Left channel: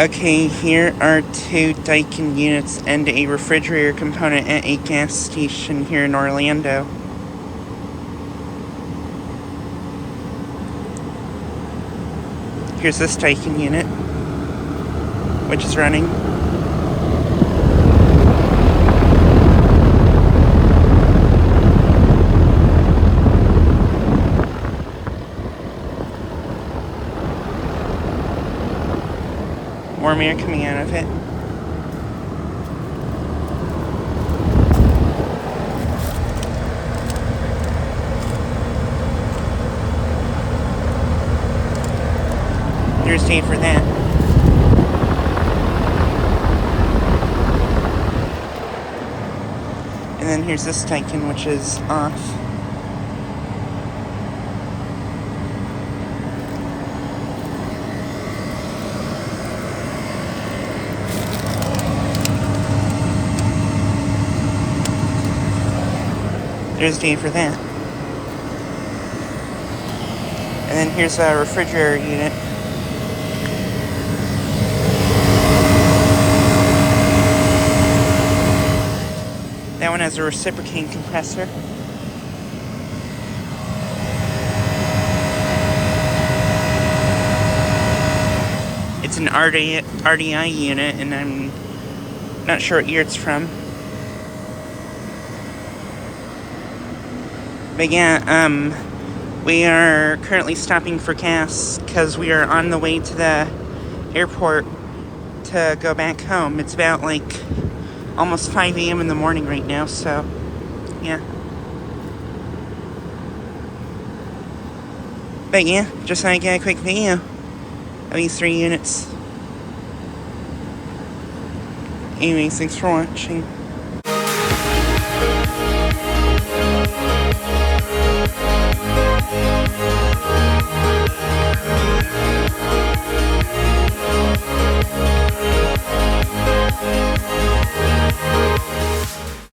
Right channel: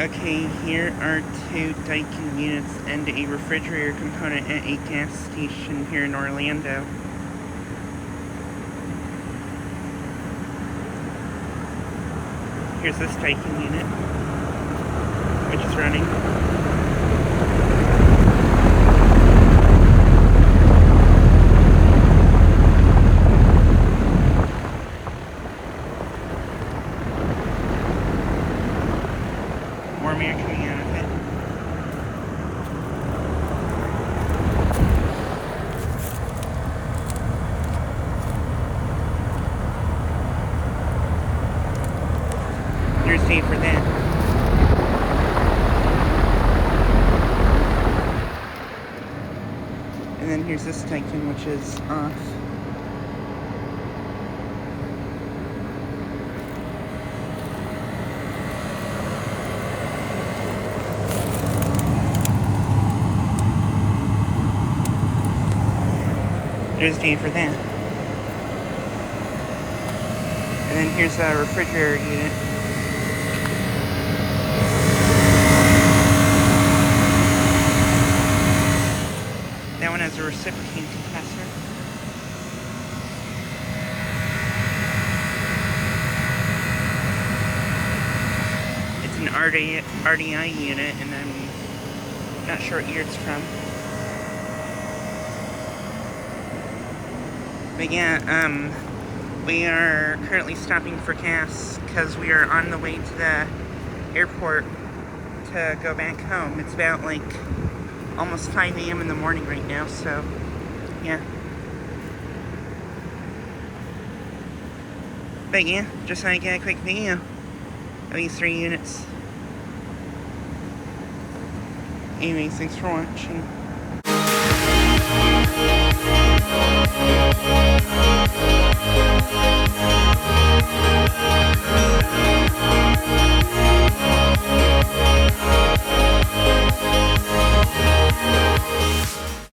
Okay, here are two Daikin units and a refrigerator component at a gas station here in Orlando. Here's this Daikin unit, which is running. Warm air coming out of it. Here's date for that. And then here's this Daikin, which is off. There's date for that. And then here's a refrigerator unit. That one has a reciprocating compressor. It's an RDI unit, and I'm not sure what year it's from. But yeah, we are currently stopping for gas because we are on the way to the airport to go back home. It's about like almost 5 a.m. in the morning right now, so yeah. But yeah, just thought I'd get a quick video of these 3 units. Anyways, thanks for watching.